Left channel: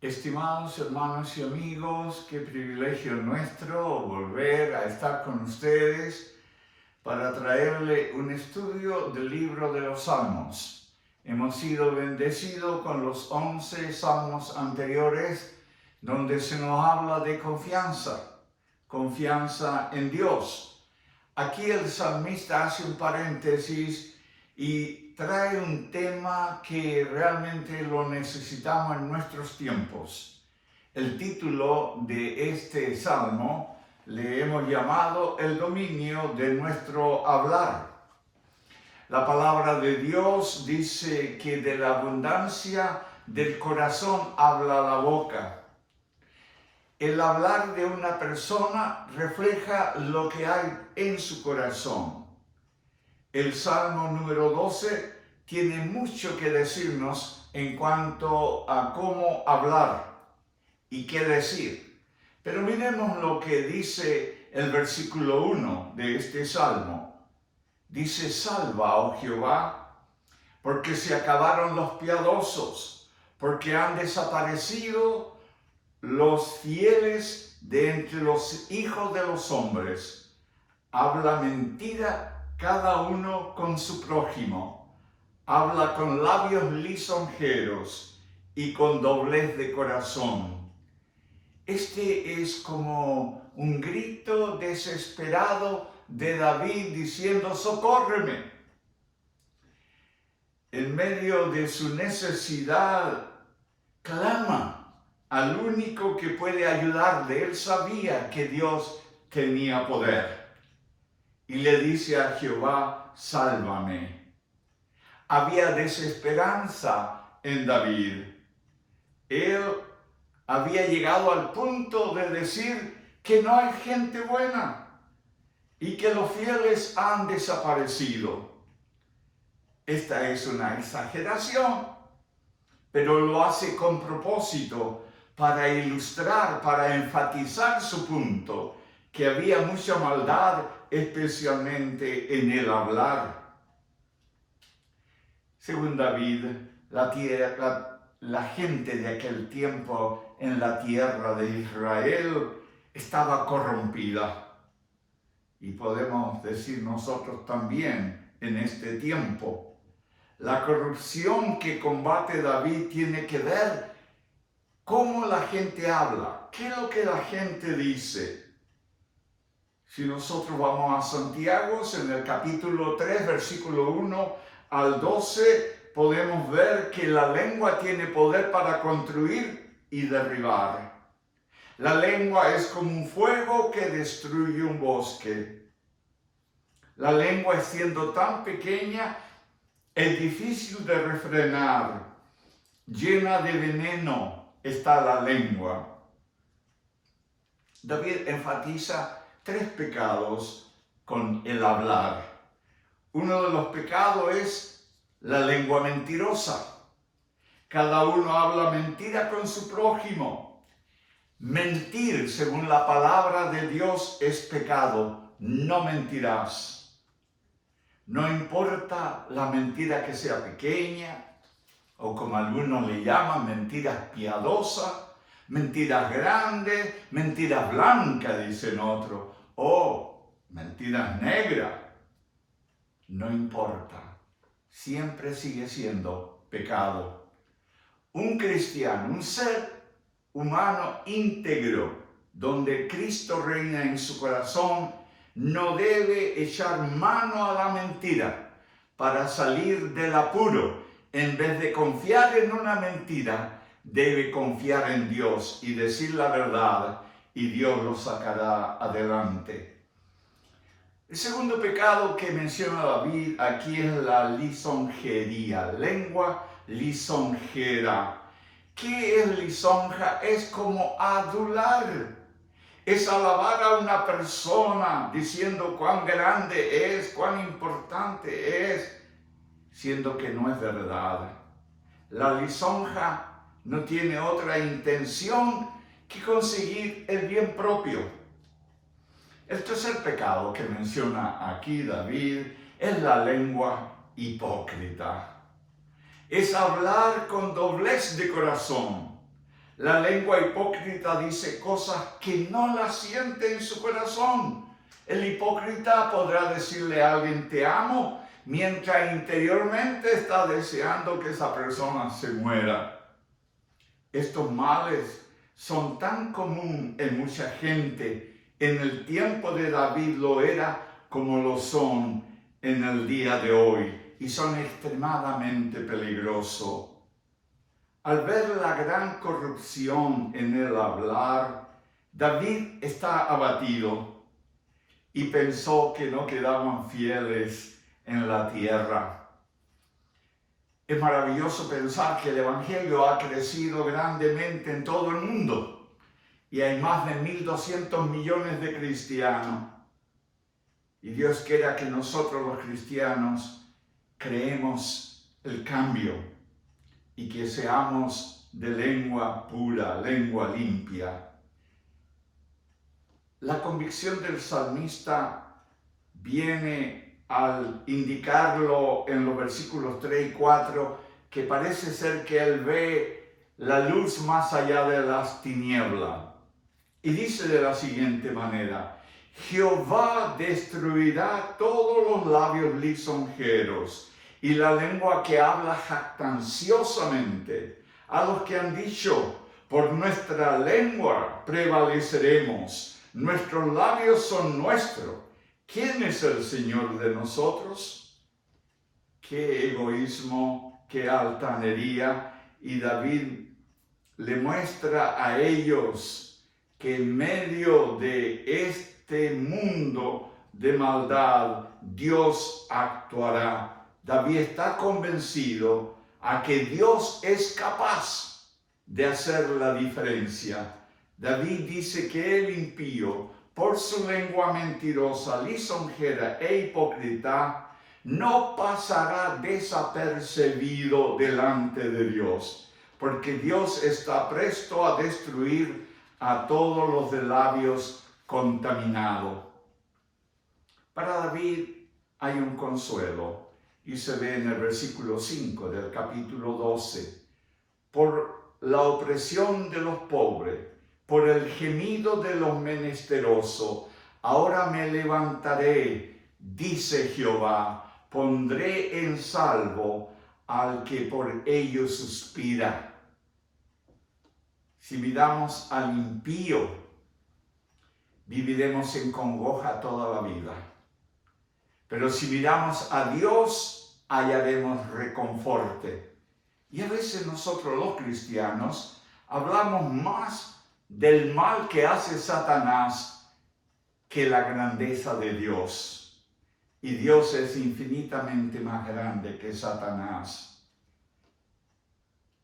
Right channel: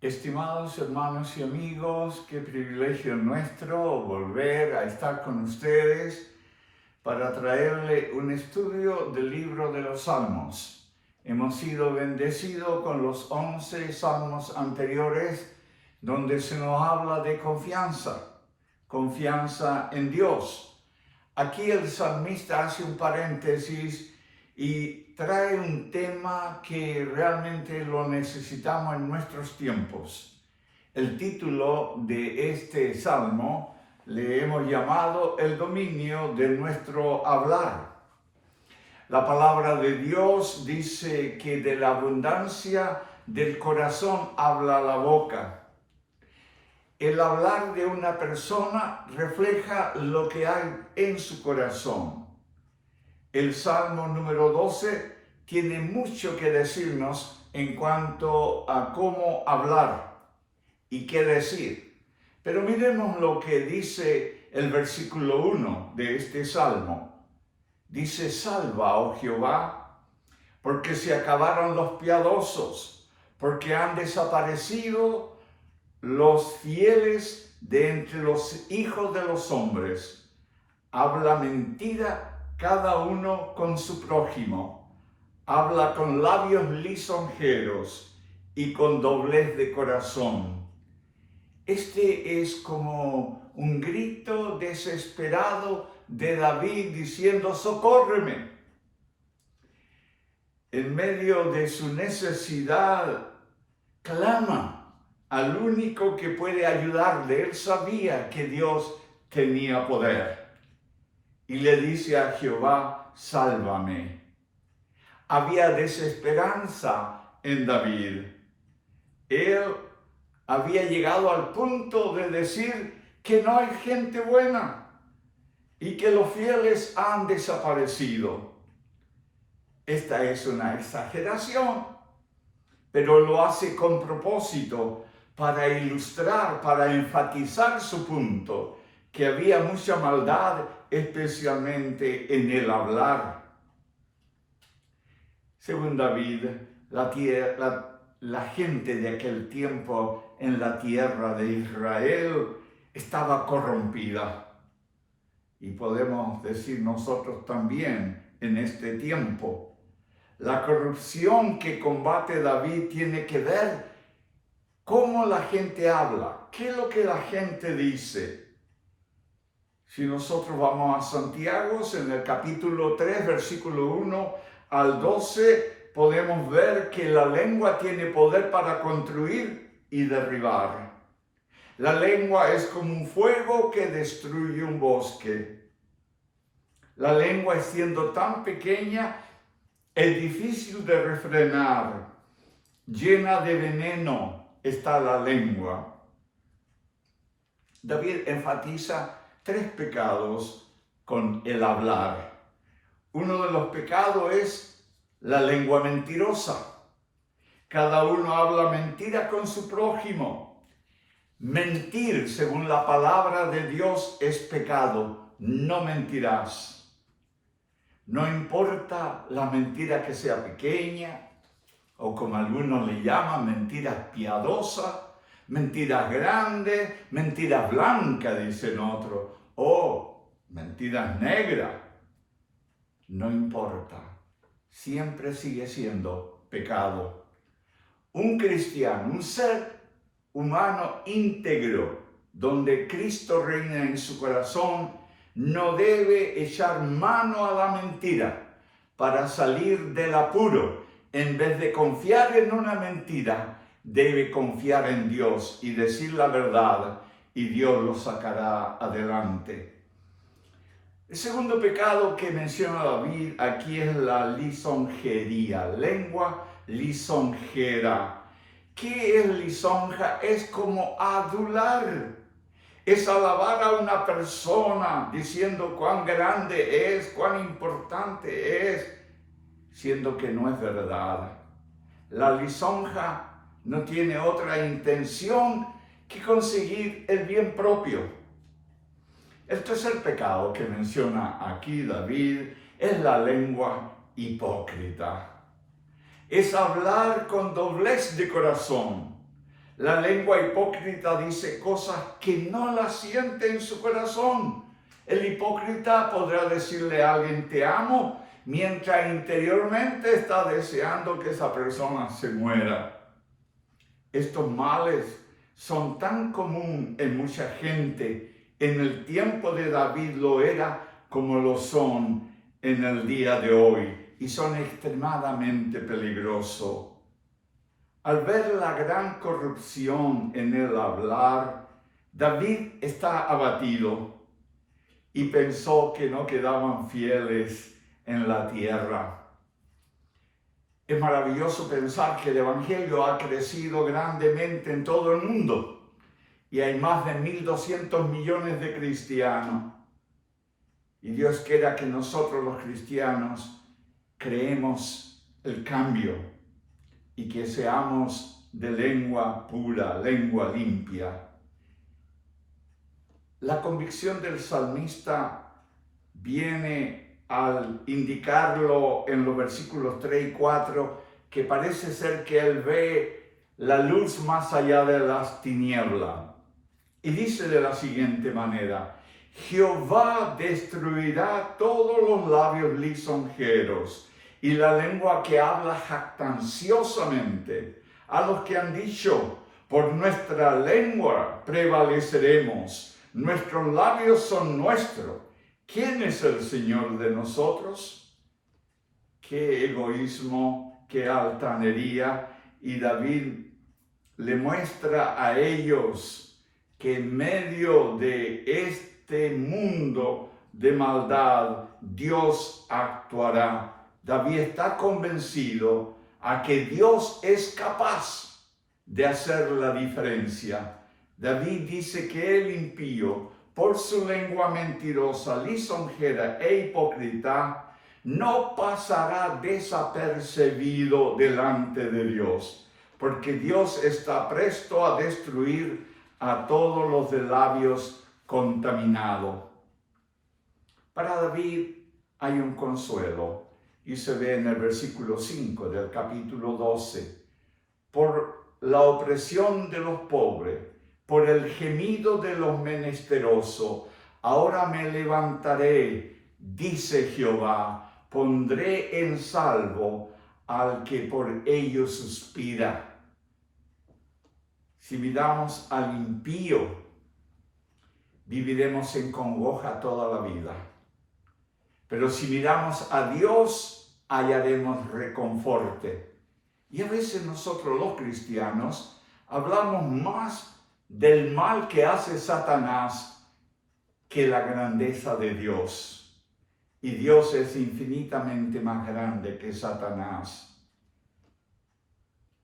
Estimados hermanos y amigos, qué privilegio nuestro volver a estar con ustedes para traerle un estudio del libro de los Salmos. Hemos sido bendecidos con los 11 salmos anteriores donde se nos habla de confianza en Dios. Aquí el salmista hace un paréntesis y trae un tema que realmente lo necesitamos en nuestros tiempos. El título de este salmo le hemos llamado el dominio de nuestro hablar. La palabra de Dios dice que de la abundancia del corazón habla la boca. El hablar de una persona refleja lo que hay en su corazón. El Salmo número 12 tiene mucho que decirnos en cuanto a cómo hablar y qué decir. Pero miremos lo que dice el versículo 1 de este Salmo. Dice: salva, oh Jehová, porque se acabaron los piadosos, porque han desaparecido los fieles de entre los hijos de los hombres. Habla mentira cada uno con su prójimo, habla con labios lisonjeros y con doblez de corazón. Este es como un grito desesperado de David diciendo: socórreme. En medio de su necesidad, clama al único que puede ayudarle. Él sabía que Dios tenía poder. Y le dice a Jehová: sálvame. Había desesperanza en David. Él había llegado al punto de decir que no hay gente buena y que los fieles han desaparecido. Esta es una exageración, pero lo hace con propósito para ilustrar, para enfatizar su punto, que había mucha maldad, especialmente en el hablar. Según David, la gente de aquel tiempo en la tierra de Israel estaba corrompida. Y podemos decir nosotros también en este tiempo. La corrupción que combate David tiene que ver cómo la gente habla, qué es lo que la gente dice. Si nosotros vamos a Santiago, en el capítulo 3, versículo 1 al 12, podemos ver que la lengua tiene poder para construir y derribar. La lengua es como un fuego que destruye un bosque. La lengua, siendo tan pequeña, es difícil de refrenar. Llena de veneno está la lengua. David enfatiza 3 pecados con el hablar. Uno de los pecados es la lengua mentirosa. Cada uno habla mentira con su prójimo. Mentir, según la palabra de Dios, es pecado. No mentirás. No importa la mentira que sea pequeña, o como algunos le llaman, mentiras piadosas, mentiras grandes, mentiras blancas, dicen otros, o mentiras negras. No importa, siempre sigue siendo pecado. Un cristiano, un ser humano íntegro, donde Cristo reina en su corazón, no debe echar mano a la mentira para salir del apuro. En vez de confiar en una mentira, debe confiar en Dios y decir la verdad, y Dios lo sacará adelante. El segundo pecado que menciona David aquí es la lisonjería, lengua lisonjera. ¿Qué es lisonja? Es como adular. Es alabar a una persona diciendo cuán grande es, cuán importante es, siendo que no es verdad. La lisonja no tiene otra intención que conseguir el bien propio. El tercer pecado que menciona aquí David es la lengua hipócrita. Es hablar con doblez de corazón. La lengua hipócrita dice cosas que no las siente en su corazón. El hipócrita podrá decirle a alguien te amo, mientras interiormente está deseando que esa persona se muera. Estos males son tan comunes en mucha gente. En el tiempo de David lo era como lo son en el día de hoy, y son extremadamente peligrosos. Al ver la gran corrupción en el hablar, David está abatido y pensó que no quedaban fieles en la tierra. Es maravilloso pensar que el Evangelio ha crecido grandemente en todo el mundo y hay más de 1.200 millones de cristianos. Y Dios quiera que nosotros los cristianos creemos el cambio y que seamos de lengua pura, lengua limpia. La convicción del salmista viene al indicarlo en los versículos 3 y 4, que parece ser que él ve la luz más allá de las tinieblas. Y dice de la siguiente manera: Jehová destruirá todos los labios lisonjeros y la lengua que habla jactanciosamente. A los que han dicho, por nuestra lengua prevaleceremos, nuestros labios son nuestros. ¿Quién es el Señor de nosotros? Qué egoísmo, qué altanería. Y David le muestra a ellos que en medio de este mundo de maldad, Dios actuará. David está convencido a que Dios es capaz de hacer la diferencia. David dice que el impío, por su lengua mentirosa, lisonjera e hipócrita, no pasará desapercibido delante de Dios, porque Dios está presto a destruir a todos los de labios contaminados. Para David hay un consuelo, y se ve en el versículo 5 del capítulo 12. Por la opresión de los pobres, por el gemido de los menesterosos, ahora me levantaré, dice Jehová, pondré en salvo al que por ellos suspira. Si miramos al impío, viviremos en congoja toda la vida. Pero si miramos a Dios, hallaremos reconforte. Y a veces nosotros los cristianos hablamos más del mal que hace Satanás que la grandeza de Dios. Y Dios es infinitamente más grande que Satanás.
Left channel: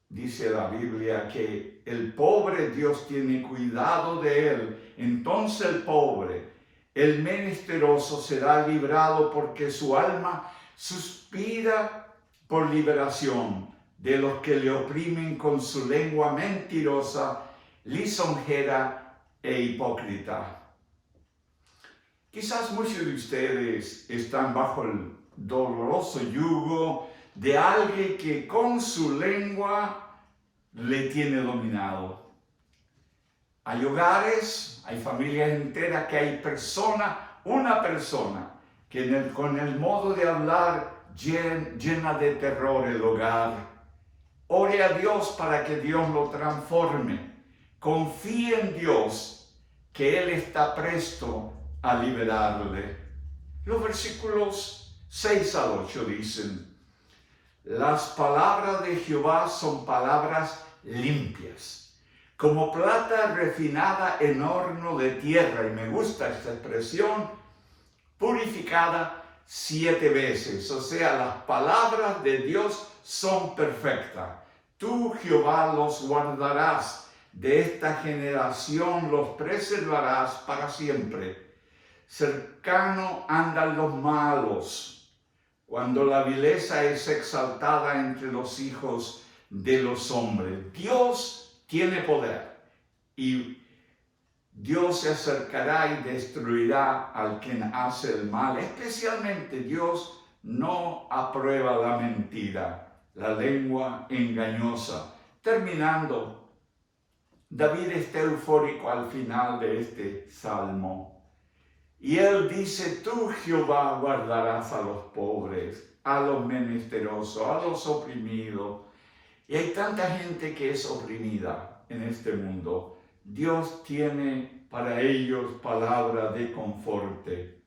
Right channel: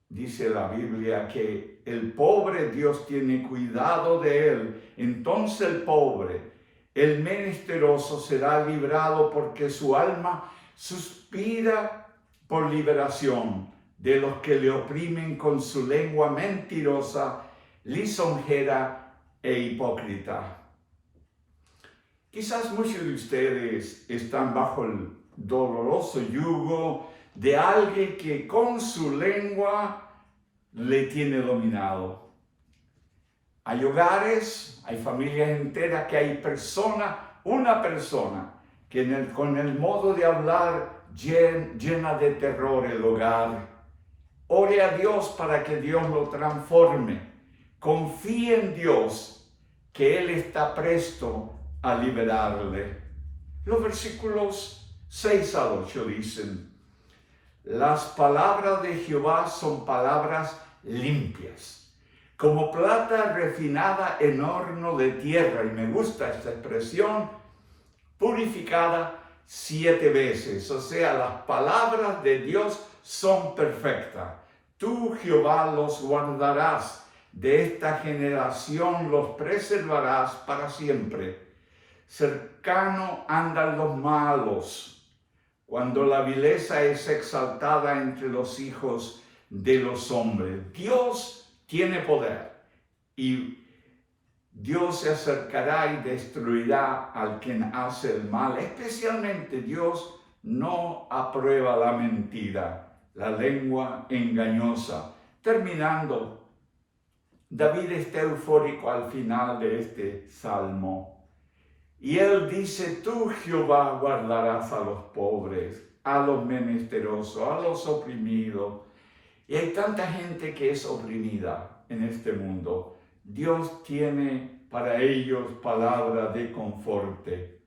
Dice la Biblia que el pobre Dios tiene cuidado de él. Entonces el pobre, el menesteroso será librado, porque su alma suspira por liberación de los que le oprimen con su lengua mentirosa, lisonjera e hipócrita. Quizás muchos de ustedes están bajo el doloroso yugo de alguien que con su lengua le tiene dominado. Hay hogares, hay familias enteras que hay una persona que con el modo de hablar llena de terror el hogar. Ore a Dios para que Dios lo transforme. Confíe en Dios, que Él está presto a liberarle. Los versículos 6 al 8 dicen: las palabras de Jehová son palabras limpias, como plata refinada en horno de tierra. Y me gusta esta expresión, purificada 7 veces. O sea, las palabras de Dios son perfectas. Tú, Jehová, los guardarás, de esta generación los preservarás para siempre. Cercano andan los malos, cuando la vileza es exaltada entre los hijos de los hombres. Dios tiene poder y Dios se acercará y destruirá al quien hace el mal. Especialmente Dios no aprueba la mentira, la lengua engañosa. Terminando, David está eufórico al final de este salmo. Y él dice, tú, Jehová, guardarás a los pobres, a los menesterosos, a los oprimidos. Y hay tanta gente que es oprimida en este mundo. Dios tiene para ellos palabra de conforte.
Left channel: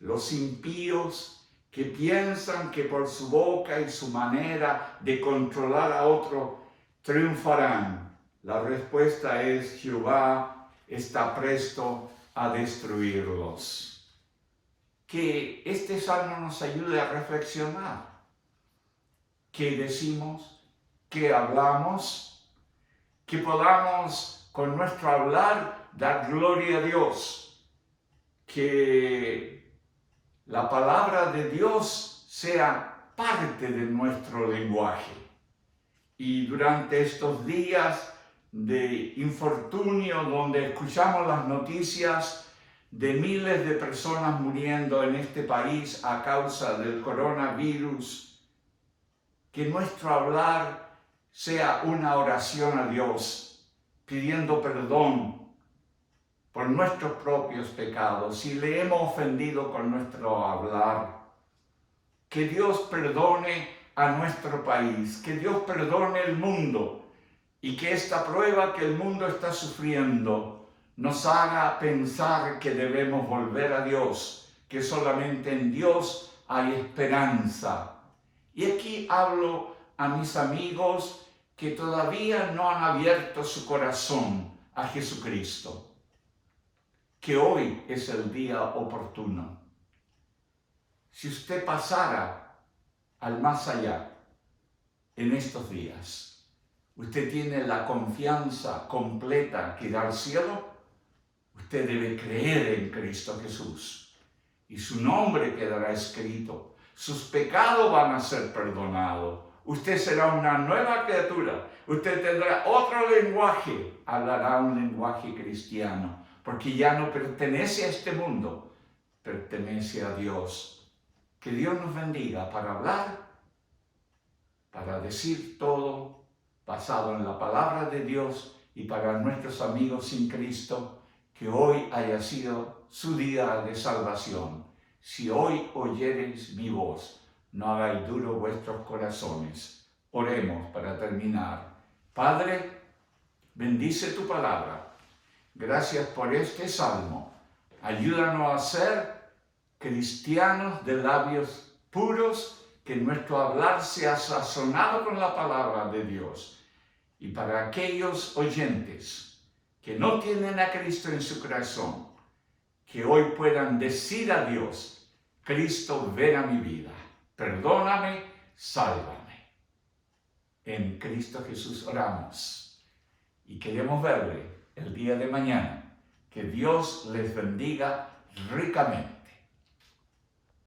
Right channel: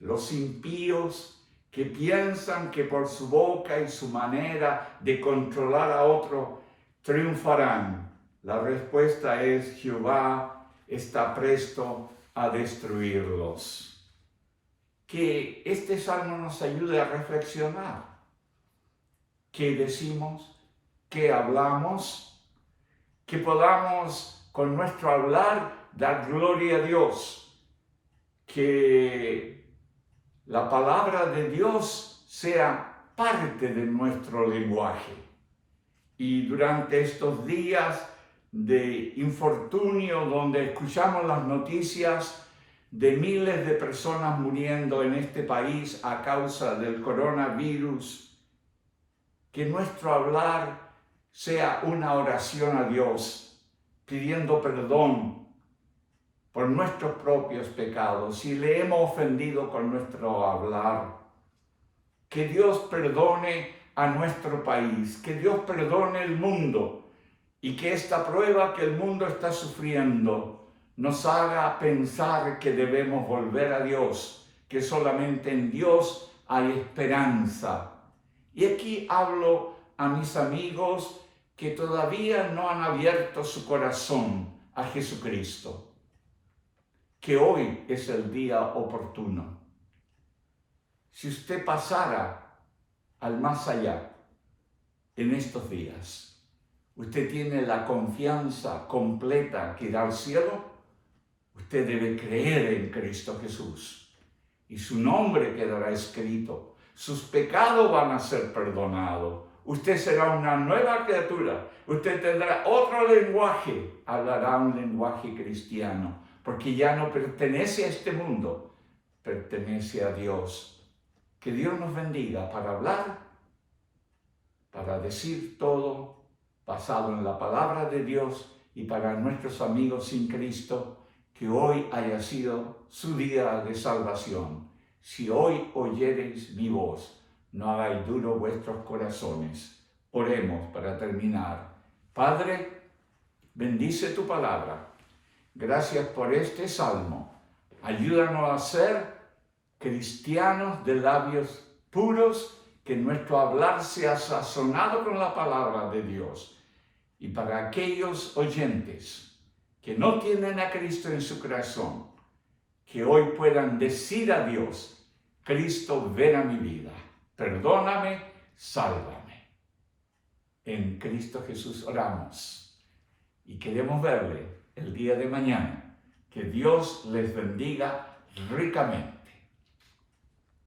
Los impíos que piensan que por su boca y su manera de controlar a otro triunfarán. La respuesta es: Jehová está presto a destruirlos. Que este salmo nos ayude a reflexionar. ¿Qué decimos? ¿Qué hablamos? Que podamos con nuestro hablar dar gloria a Dios. Que la palabra de Dios sea parte de nuestro lenguaje. Y durante estos días de infortunio, donde escuchamos las noticias de miles de personas muriendo en este país a causa del coronavirus, que nuestro hablar sea una oración a Dios, pidiendo perdón por nuestros propios pecados, si le hemos ofendido con nuestro hablar. Que Dios perdone a nuestro país, que Dios perdone el mundo, y que esta prueba que el mundo está sufriendo nos haga pensar que debemos volver a Dios, que solamente en Dios hay esperanza. Y aquí hablo a mis amigos que todavía no han abierto su corazón a Jesucristo. Que hoy es el día oportuno. Si usted pasara al más allá en estos días, usted tiene la confianza completa que irá al cielo, usted debe creer en Cristo Jesús y su nombre quedará escrito. Sus pecados van a ser perdonados. Usted será una nueva criatura. Usted tendrá otro lenguaje, hablará un lenguaje cristiano, porque ya no pertenece a este mundo, pertenece a Dios. Que Dios nos bendiga para hablar, para decir todo basado en la palabra de Dios, y para nuestros amigos sin Cristo, que hoy haya sido su día de salvación. Si hoy oyereis mi voz, no hagáis duros vuestros corazones. Oremos para terminar. Padre, bendice tu palabra. Gracias por este salmo. Ayúdanos a ser cristianos de labios puros, que nuestro hablar sea sazonado con la palabra de Dios. Y para aquellos oyentes que no tienen a Cristo en su corazón, que hoy puedan decir a Dios: Cristo, ven a mi vida, perdóname, sálvame. En Cristo Jesús oramos y queremos verle el día de mañana. Que Dios les bendiga ricamente.